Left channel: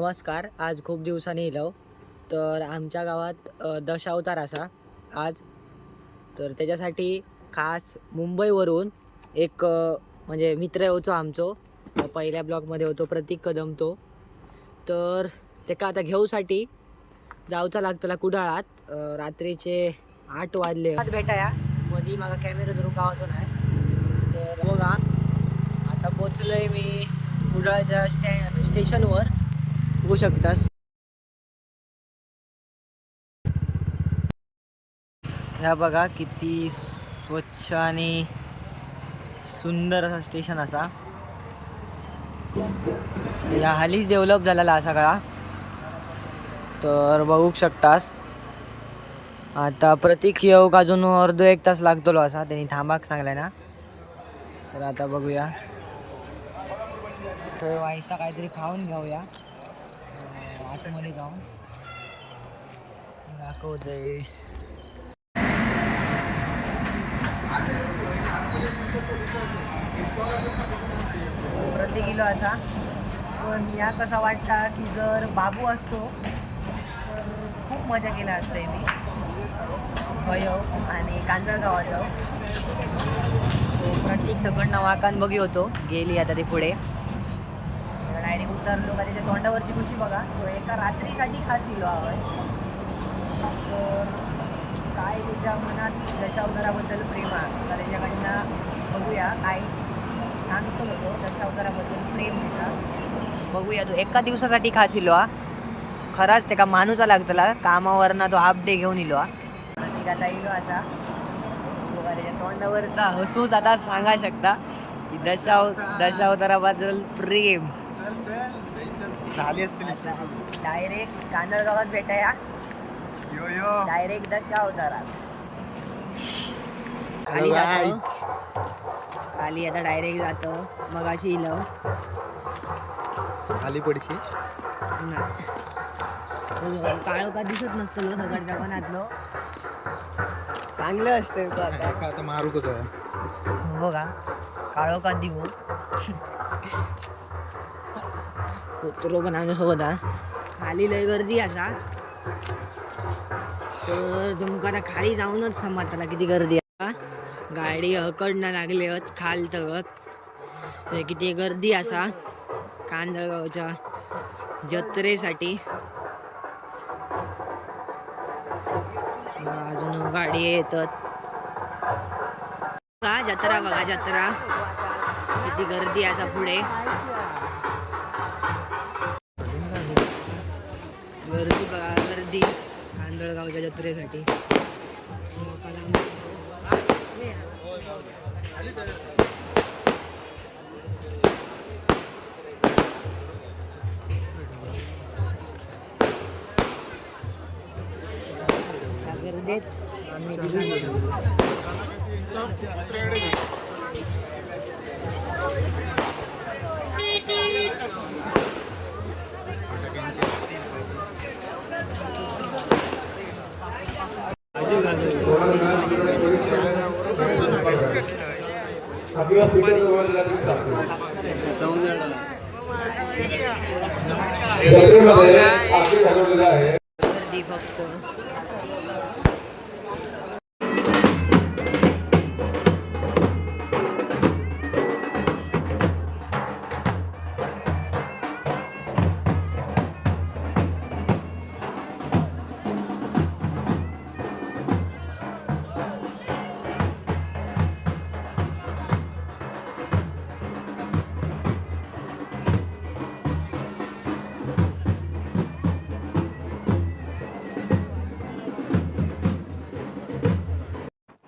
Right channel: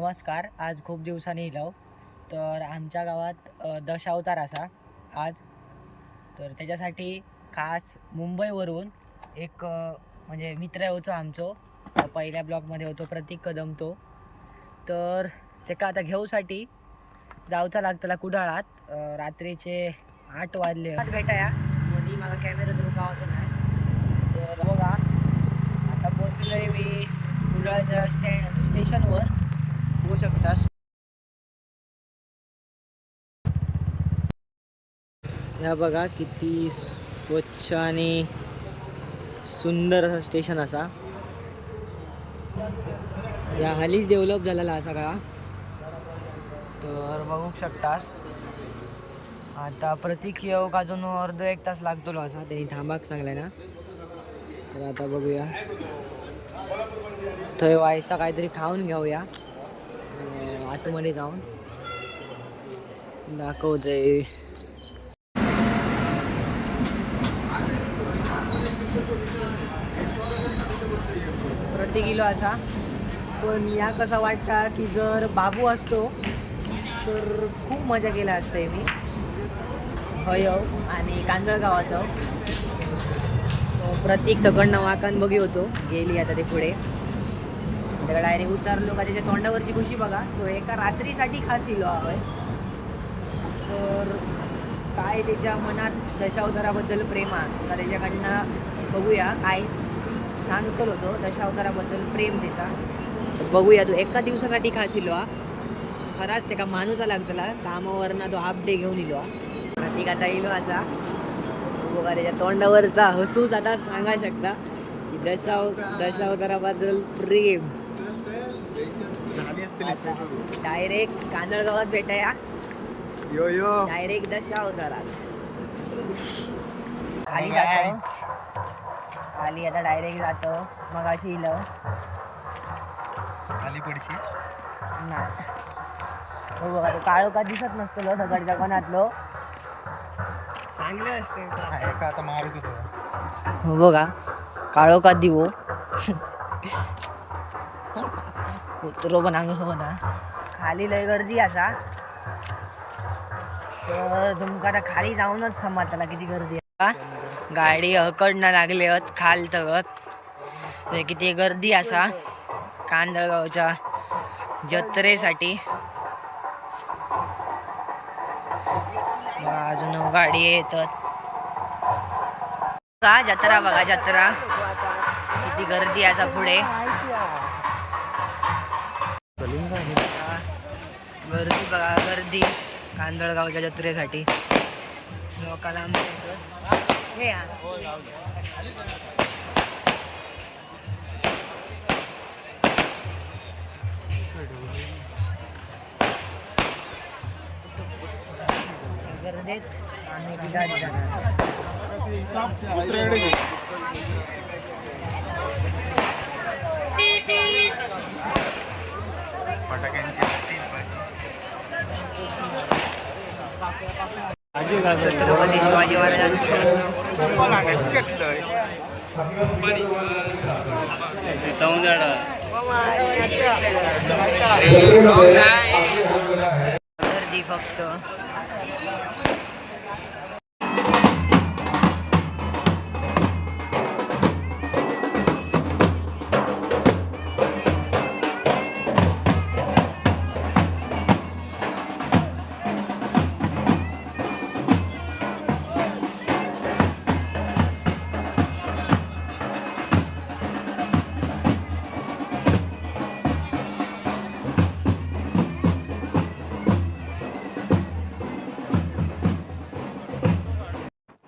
नमस्कार. आज खूप दिवसांनी इलो तर आमच्या गावात दशावतार असा आज. तर त्याच्यासाठी खास मुंबईवरून एक म्हणजे मित्र होतो आमचो. पहिल्या ब्लॉकमध्ये होतो प्रतीक कदम तो. तर तेका आता घेऊसाठी जाऊचा लागतला कुडाळात. रात्रीचे 8 वाजले भेटाया. मधी मला कॅमेरा धरून गावाचो नाही. तर बघा आता पोचलोय मी कुडाळच्या स्टेशनवर. बघू शकतास ह्या बघा किती स्वच्छ आणि सुंदर असं स्टेशन असा. या हालीच डेव्हलप झालेला असा सगळा. तर बघू शकतास आता प्रतीक येऊक अजून अर्धो एक तास लागतलो असा. त्यांनी थांबाक सांगलाय ना. तर आता बघूया थंय व्हायसा काहीतरी खाऊन घेऊया. आतमध्ये जाऊन दाखवते. प्रति किलो असा. पण या कसा वाटता की जर बाबू असतो तर खूप मजा केला असते मी. हय आणि कांदळगावात तो प्रतीक तकडनं वाकान बघी होतो गेली. आता ते पुढे त्याला डायरेक्ट उतरलो का त्याच्या तोंडावरची खुशी बघा. तो एका रात्रीसाठी खास इलो हवंय. तर काय त्याच्या मनात दशावताराबद्दल प्रेम आहे तर त्याच्याकडनं बघूया काय सांगतो तो. दशावताराबद्दल प्रेम त्याचा बघूया. तो एका दिवसासाठी खास इलो हा. खराच त्याका माणूचा लागतला कामावरना तो हाफ डे घेऊन इलो हा. प्रतीक आता इलो असा. तो बघा त्याच्या तोंडावरचा हसूच आता सांगा शकता की दशावताराबद्दल प्रेम. डायरेक्ट कांदळगावात भेटाया. डायरेक्ट दशावतारात खाली जातो. खाली आता डायरेक्ट जातो. मग अशी इलो खाली पडशी नाही. हो बघा तो काळो का दिसत नसतो दगडच्या कोणातलो. चांगलं असतं का आता मारू तो. हो बघा काळो का दिवो कुत्रो पण आमच्यासोबत हा. खाली लय गर्दी असा. तर तुमका आता खाली जाऊनच समजताला किती गर्दी आहे. गाडी हकडनं लागले आहेत खाल तगत. किती गर्दी असा कांदळगावच्या जत्रेसाठी. अजून गाडी येतात. का जत्रा बघा जत्रा किती गर्दी असा पुढे. गर्दी बघा गर्दी कांदळगावच्या जत्रेसाठी. लोकाला गर्दीत आम्ही ठिकाणी जाणार. छत्रपती शिवाजी महाराजांचं गर्दी फक्त.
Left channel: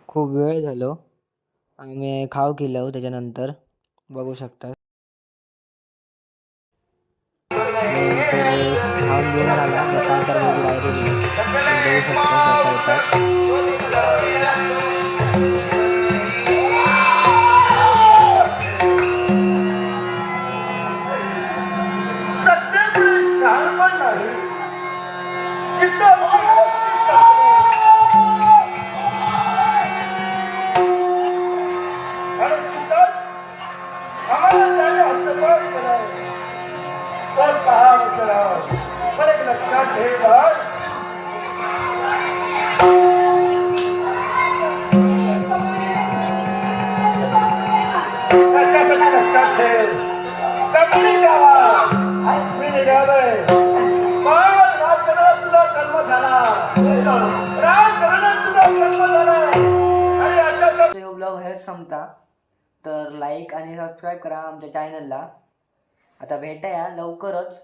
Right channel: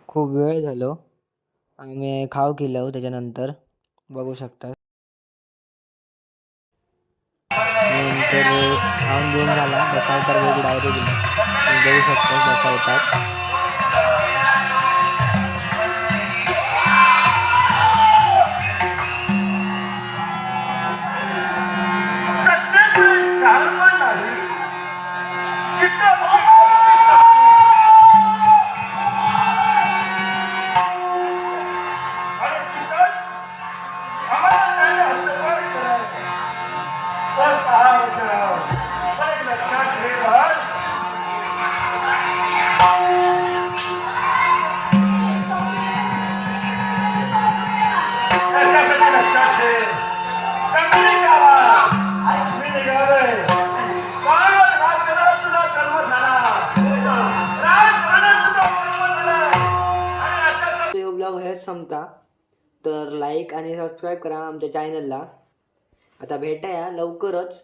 खूप वेळ झालो. आम्ही खाऊ केलं त्याच्यानंतर बघू शकता. नंतर खाऊन घेऊन झाला दशावतार बघू डायरेक्ट बघू शकता दशावतार. लक्षात ठेव. कमी गावात मी निघालोय. पण राजकारणात तुझा जन्म झाला. राजकारणात तुझा जन्म झाला. आणि आता तो ब्लॉग हेच संपता. तर लाईक आणि सबस्क्राईब करा आमच्या चॅनलला. आता भेटाया लवकरच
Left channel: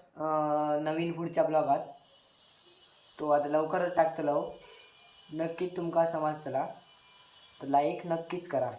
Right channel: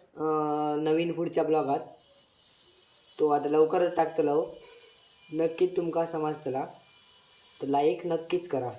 नवीन पुढच्या ब्लॉगात. तो आता लवकरच टाकतलो. नक्कीच तुमका समजतला. तर लाईक नक्कीच करा.